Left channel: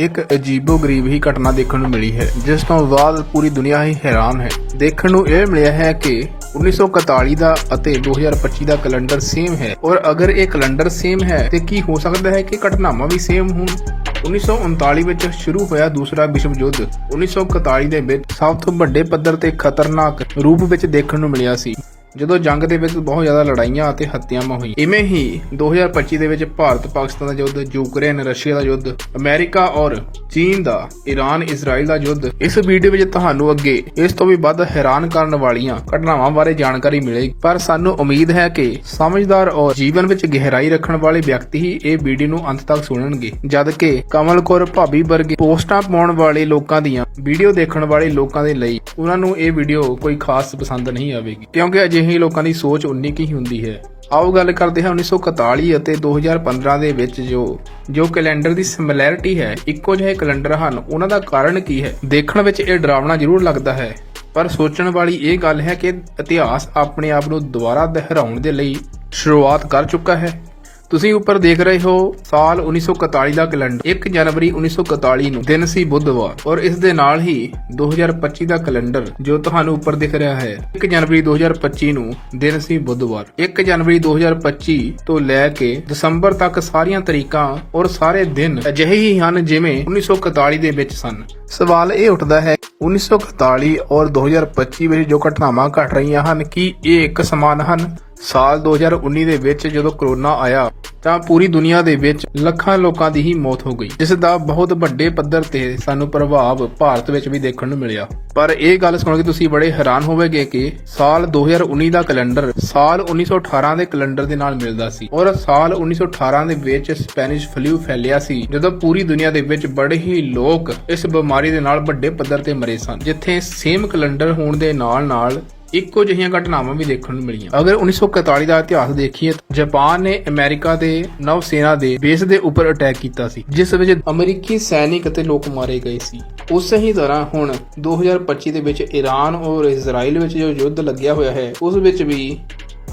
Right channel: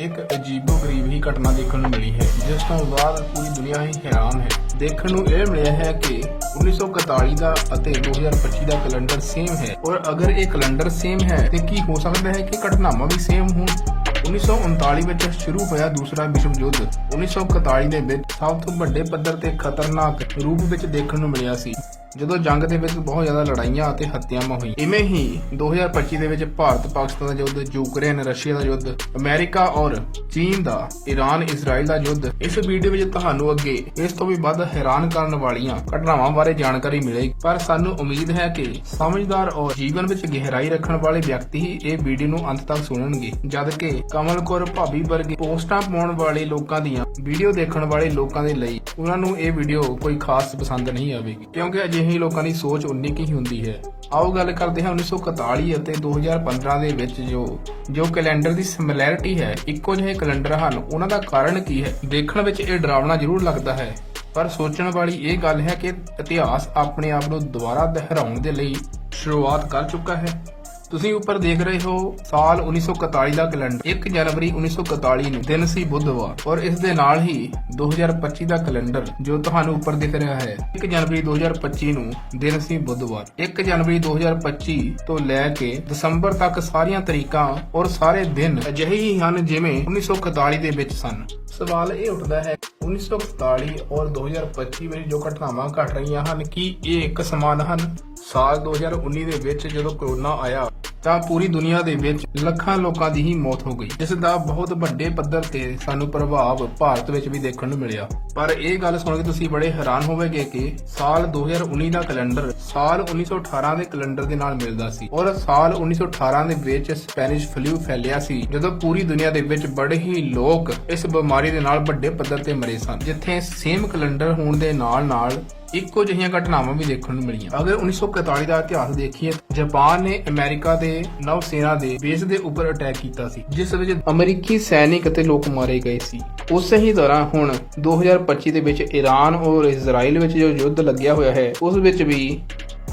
ਇੱਕ ਅਜੀਬੋ-ਗਰੀਬ ਹੀ ਘਟਨਾ ਦੇਖਣ ਨੂੰ ਮਿਲੀ ਹੈ, ਜਿਸ ਤੋਂ ਬਾਅਦ ਪੂਰੀ ਦੁਨੀਆ ਹੀ ਹੈਰਾਨ ਹੈ। ਦੇਖਣ ਨੂੰ ਇਹ ਮਿਲਿਆ ਹੈ ਕਿ 1941 ਦਾ ਅਤੇ 2025 ਦਾ ਕੈਲੰਡਰ ਸੇਮ ਹੈ। ਔਰ ਅਗਰ ਇਹ ਕੈਲੰਡਰ ਸੇਮ ਹੈ, ਤੇ ਕੀ ਹੋ ਸਕਦਾ ਹੈ ਕਿ ਘਟਨਾਵਾਂ ਵੀ ਸੇਮ ਹੋਣ? 1939 ਵਿੱਚ ਸ਼ੁਰੂ ਹੋਇਆ ਦੂਸਰਾ ਵਿਸ਼ਵ ਯੁੱਧ। 1941 ਦੇ ਵਿੱਚ ਸਭ ਤੋਂ ਵੱਡੇ ਪੱਧਰ ਤੇ ਖਤਰਨਾਕ ਰੂਪ ਵਿੱਚ ਦੇਖਣ ਨੂੰ ਮਿਲਿਆ ਸੀ। ਜਦੋਂ ਜੰਗ ਦੇ ਵਿੱਚ ਬਹੁਤ ਜ਼ਿਆਦਾ ਲੜਾਈਆਂ ਅਤੇ ਹੱਤਿਆਵਾਂ ਹੋਈਆਂ। ਇਵੇਂ ਹੀ 2025 ਦੇ ਵਿੱਚ ਭਾਰਤ, ਪਾਕਿਸਤਾਨ ਦਾ ਯੁੱਧ, ਯੂਕਰੇਨ, ਰਸ਼ੀਆ ਦਾ ਯੁੱਧ, ਅਮਰੀਕਾ ਔਰ ਚੀਨ ਦਾ ਈਰਾਨ ਇਜ਼ਰਾਈਲ ਦਾ ਯੁੱਧ। ਇਸ ਵੀਡੀਓ ਵਿੱਚ ਤੁਹਾਨੂੰ ਅੱਗੇ ਇਸ ਤੋਂ ਵੀ ਵੱਧ ਹੈਰਾਨ ਕਰਨ ਵਾਲੀਆਂ ਘਟਨਾਵਾਂ ਬਾਰੇ ਜਾਣਕਾਰੀ ਮਿਲੇਗੀ। ਪਰ ਸਾਨੂੰ ਉਮੀਦ ਹੈ ਕਿ ਸਮਝਦਾਰ ਔਰ ਜੀਵਨ ਵਿੱਚ ਗਹਿਰਾਈ ਰੱਖਣ ਵਾਲੇ ਵਿਅਕਤੀ ਹੀ ਇਹ ਵੀਡੀਓ ਨੂੰ ਅੰਤ ਤੱਕ ਸੁਣਨਗੇ। ਜਦ ਕਿ ਕਮਲ ਕੌਰ ਭਾਬੀ ਵਰਗੇ ਪੋਸਟਾਂ ਪਾਉਣ ਵਾਲੇ ਲੋਕਾਂ ਦੀਆਂ ਵੀਡੀਓ ਦੇਖਣ ਵਾਲੇ ਲੋਕਾਂ ਦੇ ਲਈ ਉਹਨਾਂ ਨੂੰ ਇਹ ਵੀਡੀਓ ਕੋਈ ਖਾਸ ਪਸੰਦ ਨਹੀਂ ਆਵੇਗੀ। ਕਿਉਂਕਿ ਅਜਿਹੇ ਲੋਕਾਂ ਦੀ ਸੋਚ ਉਨੀ ਕੀ ਹੁੰਦੀ ਹੈ। ਆਓ ਗੱਲ ਕਰਦੇ ਹਾਂ 1941 ਅਤੇ 2015 ਦੇ ਵਿੱਚ ਜੋ ਜੋ ਕੈਲੰਡਰ ਦੀ ਸਿਮਿਲੈਰਿਟੀ ਹੈ, ਇੱਕੋ ਜਿਹੇ ਕੈਲੰਡਰ ਹਨ। ਉਹਨਾਂ ਦਾ ਕਾਰਨ ਕੀ ਹੈ? ਦੇਖਣ ਵਿੱਚ ਇਹ ਡਰਾਵਣਾ ਜ਼ਰੂਰ ਲੱਗਦਾ ਹੈ, ਪਰ ਸੋਚਣ ਵਾਲੀ ਇਹ ਗੱਲ ਹੈ ਕਿ ਇਤਿਹਾਸ ਆਪਣੇ ਆਪ ਨੂੰ ਦੁਬਾਰਾ ਦੁਹਰਾਉਣ ਦੇ ਲਈ ਸ਼ੁਰੂਆਤ ਕਰ ਚੁੱਕਾ ਹੈ। ਤੁਸੀਂ ਉੱਪਰ ਦੇਖ ਰਹੇ ਹੋ ਸਾਲ 1941 ਦਾ ਕੈਲੰਡਰ। 1 ਜਨਵਰੀ 1941 ਨੂੰ ਦਿਨ ਸੀ ਬੁੱਧਵਾਰ। ਔਰ ਇਸ ਦੇ ਨਾਲ ਹੀ 2025 ਦਾ ਕੈਲੰਡਰ ਜੋ ਤੁਹਾਨੂੰ ਉੱਪਰ ਦਿਖ ਰਿਹਾ ਹੈ। 1 ਜਨਵਰੀ 2025 ਨੂੰ ਦਿਨ ਸੀ ਬੁੱਧਵਾਰ। 1 ਜਨਵਰੀ 2025 ਤੋਂ ਲੈ ਕੇ ਦਸੰਬਰ ਤੱਕ ਸਾਰੀਆਂ ਤਰੀਕਾਂ ਔਰ ਸਾਰੇ ਦਿਨ ਅਜਿਹੇ ਹੀ ਹਨ ਜਿਵੇਂ 1941 ਦੇ ਵਿੱਚ ਸਨ। ਸਵਾਲ ਇਹ ਉੱਠਦਾ ਹੈ 1941 ਔਰ 2025 ਵਿੱਚ ਜੋ ਘਟਨਾਵਾਂ ਘਟ ਰਹੀਆਂ ਹਨ, ਕੀ ਇਹ ਇੱਕ ਸਮਾਨ ਹਨ? ਸਾਲ 2019 ਦੇ ਵਿੱਚ ਜਦੋਂ ਕਰੋਨਾ ਆਇਆ, ਤਾਂ ਪੂਰੀ ਦੁਨੀਆ ਦੇ ਵਿੱਚ ਲੱਖਾਂ ਲੋਕਾਂ ਦੀ ਹੀ ਮੌਤ ਹੋ ਗਈ, ਜਿਸ ਦਾ ਬਹੁਤ ਵੱਡੇ ਪੱਧਰ ਤੇ ਸਾਨੂੰ ਪ੍ਰਭਾਵ ਭਾਰਤ ਵਿੱਚ ਵੀ ਦੇਖਣ ਨੂੰ ਮਿਲਿਆ। ਪਰ ਇਹ ਗੱਲ ਸੁਣ ਕੇ ਤੁਸੀਂ ਬੜੇ ਹੈਰਾਨ ਹੋਵੋਗੇ ਕਿ ਸਾਲ 2019 ਦਾ ਕੈਲੰਡਰ ਸਾਲ 1918 ਦੇ ਕੈਲੰਡਰ ਦੇ ਨਾਲ ਮਿਲਦਾ ਸੀ ਔਰ ਸਾਲ 1918 ਦੇ ਵਿੱਚ ਸਪੈਨਿਸ਼ ਫਲੂ ਫੈਲਿਆ ਸੀ, ਜਦੋਂ ਪੂਰੀ ਦੁਨੀਆ ਦੇ ਵਿੱਚ ਬੜੇ ਹੀ ਲੋਕ ਇਸ ਬਿਮਾਰੀ ਦੇ ਨਾਲ ਵੱਡੇ ਪੱਧਰ ਤੇ ਮਰੇ ਸਨ, ਜਿੱਥੇ ਸੇਮ ਕੈਲੰਡਰ ਹੋਣ ਦੇ ਨਾਲ ਨਾਲ ਇੱਕੋ ਜਿਹੀਆਂ ਘਟਨਾਵਾਂ ਵੀ ਦੇਖਣ ਨੂੰ ਮਿਲੀਆਂ। ਅਗਰ 1941 ਦਾ ਇਤਿਹਾਸ ਦੇਖੀਏ ਜਾਪਾਨ ਨੇ ਅਮਰੀਕਾ ਦੇ ਨੌ ਸੈਨਾ ਦੇ ਬੇਸ ਦੇ ਉੱਪਰ ਅਟੈਕ ਕੀਤਾ ਸੀ, ਜਿਸ ਵਿੱਚ ਅਮਰੀਕੀ ਸੈਨਿਕ ਅਤੇ ਲੋਕ ਮਾਰੇ ਗਏ ਸੀ। ਉਸੇ ਹੀ ਤਰ੍ਹਾਂ ਹੁਣ 2025 ਦੇ ਵਿੱਚ ਈਰਾਨ ਔਰ ਇਜ਼ਰਾਈਲ ਵਿੱਚ ਜੋ ਯੁੱਧ ਲੱਗਿਆ ਹੋਇਆ ਹੈ, ਉਸ ਵਿੱਚ ਵੀ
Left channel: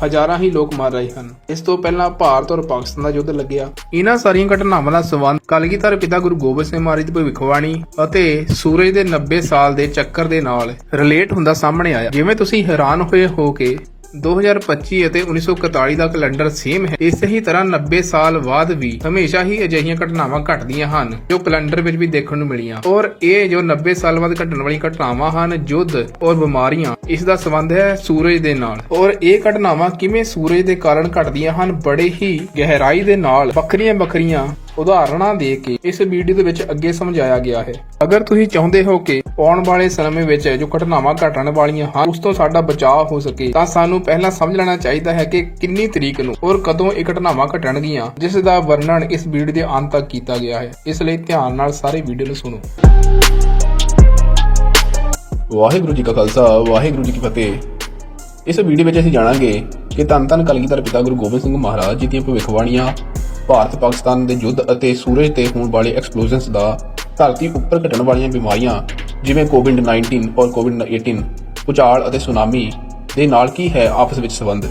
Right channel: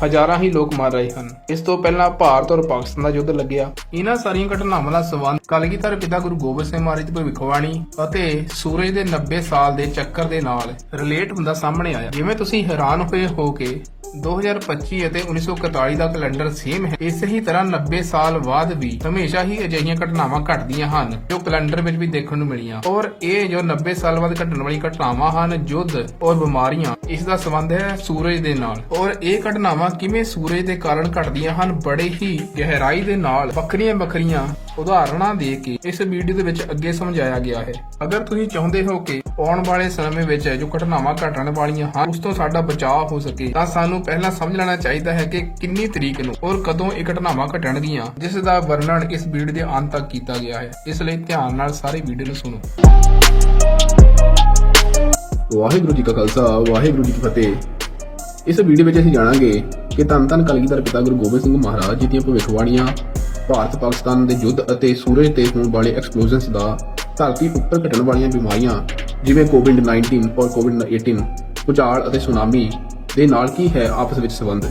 ਹਜ਼ਾਰਾਂ ਹੀ ਲੋਕ ਮਰ ਰਹੇ ਹਨ। ਇਸ ਤੋਂ ਪਹਿਲਾਂ ਭਾਰਤ ਔਰ ਪਾਕਿਸਤਾਨ ਦਾ ਯੁੱਧ ਲੱਗਿਆ। ਇਹਨਾਂ ਸਾਰੀਆਂ ਘਟਨਾਵਾਂ ਦਾ ਸੰਬੰਧ ਕਲਗੀਧਰ ਪਿਤਾ ਗੁਰੂ ਗੋਬਿੰਦ ਸਿੰਘ ਮਹਾਰਾਜ ਦੀ ਭਵਿੱਖਬਾਣੀ ਅਤੇ ਸੂਰਜ ਦੇ 90 ਸਾਲ ਦੇ ਚੱਕਰ ਦੇ ਨਾਲ ਰਿਲੇਟ ਹੁੰਦਾ ਸਾਹਮਣੇ ਆਇਆ। ਜਿਵੇਂ ਤੁਸੀਂ ਹੈਰਾਨ ਹੋਏ ਹੋ ਕੇ 2025 ਅਤੇ 1941 ਦਾ ਕੈਲੰਡਰ ਸੇਮ ਹੈ। ਇਸੇ ਹੀ ਤਰ੍ਹਾਂ 90 ਸਾਲ ਬਾਅਦ ਵੀ ਹਮੇਸ਼ਾ ਹੀ ਅਜਿਹੀਆਂ ਘਟਨਾਵਾਂ ਘਟਦੀਆਂ ਹਨ, ਜੋ ਕੈਲੰਡਰ ਵਿੱਚ ਵੀ ਦੇਖਣ ਨੂੰ ਮਿਲੀਆਂ। ਔਰ ਇਹ ਜੋ 90 ਸਾਲ ਬਾਅਦ ਘਟਣ ਵਾਲੀਆਂ ਘਟਨਾਵਾਂ ਹਨ, ਯੁੱਧ ਔਰ ਬਿਮਾਰੀਆਂ, ਇਸ ਦਾ ਸੰਬੰਧ ਹੈ ਸੂਰਜ ਦੇ ਨਾਲ। ਔਰ ਇਹ ਘਟਨਾਵਾਂ ਕਿਵੇਂ ਸੂਰਜ ਦੇ ਕਾਰਨ ਘਟਦੀਆਂ ਹਨ, ਬੜੇ ਹੀ ਗਹਿਰਾਈ ਦੇ ਨਾਲ ਵੱਖਰੀਆਂ ਵੱਖਰੀਆਂ ਉਦਾਹਰਣਾਂ ਦੇ ਕੇ ਇਸ ਵੀਡੀਓ ਦੇ ਵਿੱਚ ਅੱਗੇ ਸਮਝਾਇਆ ਗਿਆ ਹੈ। ਅਗਰ ਤੁਸੀਂ ਚਾਹੁੰਦੇ ਹੋ ਕਿ ਆਉਣ ਵਾਲੇ ਸਮੇਂ ਵਿੱਚ ਜੋ ਘਟਨਾਵਾਂ ਘਟਣ ਵਾਲੀਆਂ ਹਨ, ਉਸ ਤੋਂ ਸਾਡਾ ਬਚਾਅ ਹੋ ਸਕੇ, ਤਾਂ ਸਾਨੂੰ ਪਹਿਲਾਂ ਸਮਝ ਲੈਣਾ ਚਾਹੀਦਾ ਹੈ ਕਿ ਕਿੰਨੀ ਤਰੀਕ ਨੂੰ ਔਰ ਕਦੋਂ ਇਹ ਘਟਨਾਵਾਂ ਘਟਣਗੀਆਂ, ਜਿਸ ਦਾ ਵਰਣਨ ਇਸ ਵੀਡੀਓ ਦੇ ਅੰਤ ਤੱਕ ਕੀਤਾ ਗਿਆ ਹੈ। ਇਸ ਲਈ ਧਿਆਨ ਨਾਲ ਸਾਰੇ ਵੀਡੀਓ ਨੂੰ ਸੁਣੋ। ਵਾਹਿਗੁਰੂ ਜੀ ਕਾ ਖਾਲਸਾ, ਵਾਹਿਗੁਰੂ ਜੀ ਕੀ ਫਤਿਹ। ਇਸ ਵੀਡੀਓ ਵਿੱਚ ਅਸੀਂ ਜਾਣਾਂਗੇ ਕਿ ਧੰਨ ਧੰਨ ਕਲਗੀਧਰ ਪਿਤਾ ਗੁਰੂ ਗੋਬਿੰਦ ਸਿੰਘ ਮਹਾਰਾਜ ਜੀ ਦੀਆਂ ਭਵਿੱਖਬਾਣੀਆਂ ਭਾਰਤ, ਪਾਕਿਸਤਾਨ ਦੇ ਯੁੱਧ ਅਤੇ ਸੂਰਜ ਤੇ ਹੋਣ ਵਾਲੇ ਐਕਸਪਲੋਜ਼ਨਸ ਦਾ ਧਰਤੀ ਉੱਪਰ ਘਟਣ ਵਾਲੀਆਂ ਬਿਮਾਰੀਆਂ, ਜਿਵੇਂ ਕੋਵਿਡ-19 ਔਰ ਕੋਵਿਡ-18 ਭੂਚਾਲ ਅਤੇ ਸੁਨਾਮੀ ਦੇ ਨਾਲ ਕੀ ਹੈ ਆਪਸ ਵਿੱਚ ਸੰਬੰਧ?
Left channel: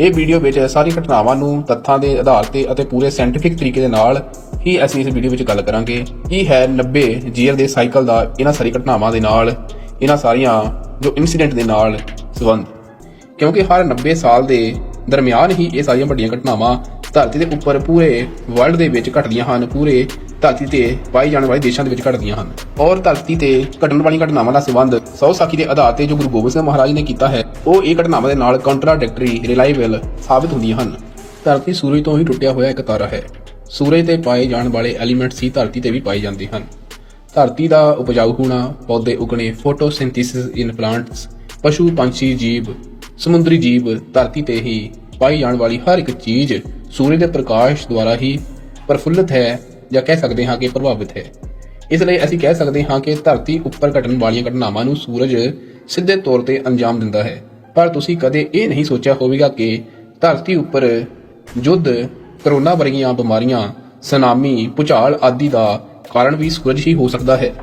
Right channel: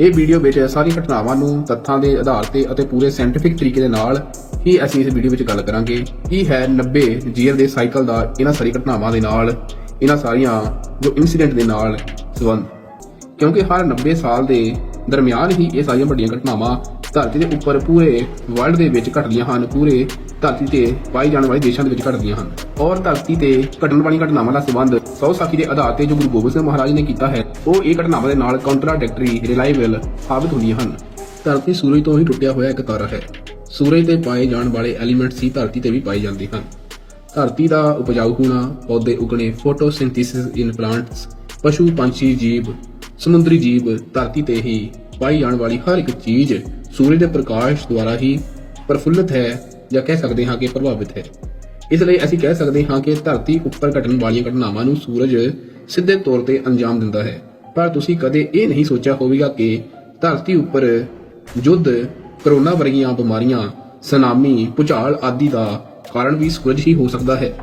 ਇਹ ਵੀਡੀਓ ਵਿੱਚ ਸਾਰੀ ਘਟਨਾਵਾਂ ਨੂੰ ਤੱਥਾਂ ਦੇ ਆਧਾਰ ਤੇ ਅਤੇ ਪੂਰੇ ਸਾਇੰਟਿਫਿਕ ਤਰੀਕੇ ਦੇ ਨਾਲ ਹੀ ਅਸੀਂ ਇਸ ਵੀਡੀਓ ਵਿੱਚ ਗੱਲ ਕਰਾਂਗੇ। ਕੀ ਹੈ 90 ਜੀਅਰ ਦੇ ਸਾਈਕਲ ਦਾ ਇਹਨਾਂ ਸਾਰੀ ਘਟਨਾਵਾਂ ਦੇ ਨਾਲ, ਇਹਨਾਂ ਸਾਰੀਆਂ ਜੋ ਇਨਸੀਡੈਂਟ ਦੇ ਨਾਲ ਸੰਬੰਧ। ਕਿਉਂਕਿ ਹਰ 90 ਸਾਲ ਦੇ ਦਰਮਿਆਨ ਹੀ ਇਹ ਸਾਰੀਆਂ ਵੱਡੀਆਂ ਘਟਨਾਵਾਂ ਧਰਤੀ ਦੇ ਉੱਪਰ ਪੂਰੇ ਵਰਲਡ ਦੇ ਵਿੱਚ ਘਟਦੀਆਂ ਹਨ, ਪੂਰੇ ਧਰਤੀ ਤੇ ਪਾਈ ਜਾਣ ਵਾਲੇ ਦੇਸ਼ਾਂ ਦੇ ਵਿੱਚ ਘਟਦੀਆਂ ਹਨ। ਔਰ ਧਰਤੀ ਤੇ ਘਟਣ ਵਾਲੀਆਂ ਘਟਨਾਵਾਂ ਦਾ ਸੰਬੰਧ ਸੌ ਸਾਖੀ ਦੇ ਆਧਾਰ ਤੇ ਜੋ ਗੁਰੂ ਗੋਬਿੰਦ ਸਿੰਘ ਮਹਾਰਾਜ ਨੇ ਕੀਤਾ ਹੈ, ਉਹ ਇਹ ਘਟਨਾਵਾਂ ਦੇ ਨਾਲ ਕੰਟਰਾਡਿਕਟਰੀ ਰਿਲਾਈਬਲ ਸਾਬਿਤ ਹੁੰਦੀਆਂ ਹਨ। ਧਰਤੀ ਸੂਰਜ ਤੋਂ ਹੀ ਟੁੱਟਿਆ ਹੋਇਆ ਇੱਕ ਤਾਰਾ ਹੈ। ਸੂਰਜ ਤੇ ਪਾਏ ਜਾਣ ਵਾਲੇ ਐਲੀਮੈਂਟਸ ਹੀ ਧਰਤੀ ਤੇ ਵੀ ਪਾਏ ਜਾਂਦੇ ਹਨ। ਧਰਤੀ ਦਾ ਉਪਜਾਊ ਹੋਣਾ, ਪੌਦੇ ਉਗਣੇ ਫੋਟੋਸਿੰਥੇਸਿਸ ਇਨ ਪਲਾਂਟਸ ਪਸ਼ੂ, ਪੰਛੀ, ਜੀਵ, ਸਮੁੰਦਰੀ ਜੀਵ ਧਰਤੀ ਤੇ ਹੀ ਪਾਈ ਜਾਣ ਵਾਲੀ ਹਰ ਇੱਕ ਚੀਜ਼ ਸੂਰਜ ਦੇ ਪ੍ਰਕਾਸ਼ ਦੁਆਰਾ ਹੀ ਪ੍ਰਫੁੱਲਤ ਹੈ ਜਾਂ ਕਹਿ ਸਕਦੇ ਹਾਂ ਕਿ ਪ੍ਰਭਾਵਿਤ ਹੈ। ਇਸ ਲਈ ਅਸੀਂ ਕਹਿ ਸਕਦੇ ਹਾਂ ਕਿ ਧਰਤੀ ਉੱਪਰ ਘਟਣ ਵਾਲੀਆਂ ਘਟਨਾਵਾਂ ਨੂੰ ਸੂਰਜ ਸਿੱਧੇ ਤੌਰ ਤੇ ਅੰਜਾਮ ਦਿੰਦਾ ਹੈ। ਪਰ ਤੁਸੀਂ ਕਦੇ ਇਹ ਨਹੀਂ ਸੋਚਿਆ ਹੋਵੇਗਾ ਕਿ ਧਰਤੀ ਉੱਪਰ ਯੁੱਧ, ਕਰੋਨਾ ਵਰਗੀਆਂ ਬਿਮਾਰੀਆਂ, ਸੁਨਾਮੀ, ਭੂਚਾਲ ਆਦਿ ਦਾ ਕਾਰਨ ਵੀ ਸੂਰਜ ਹੀ ਹੋ ਸਕਦਾ ਹੈ।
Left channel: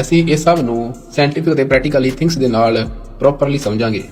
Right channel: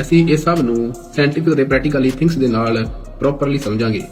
ਅਸੀਂ ਇਹ ਸਭ ਨੂੰ ਸਾਇੰਟਿਫਿਕ ਅਤੇ ਪ੍ਰੈਕਟੀਕਲੀ ਥਿੰਕਸ ਦੇ ਨਾਲ ਪ੍ਰੋਪਰਲੀ ਸਮਝਾਂਗੇ।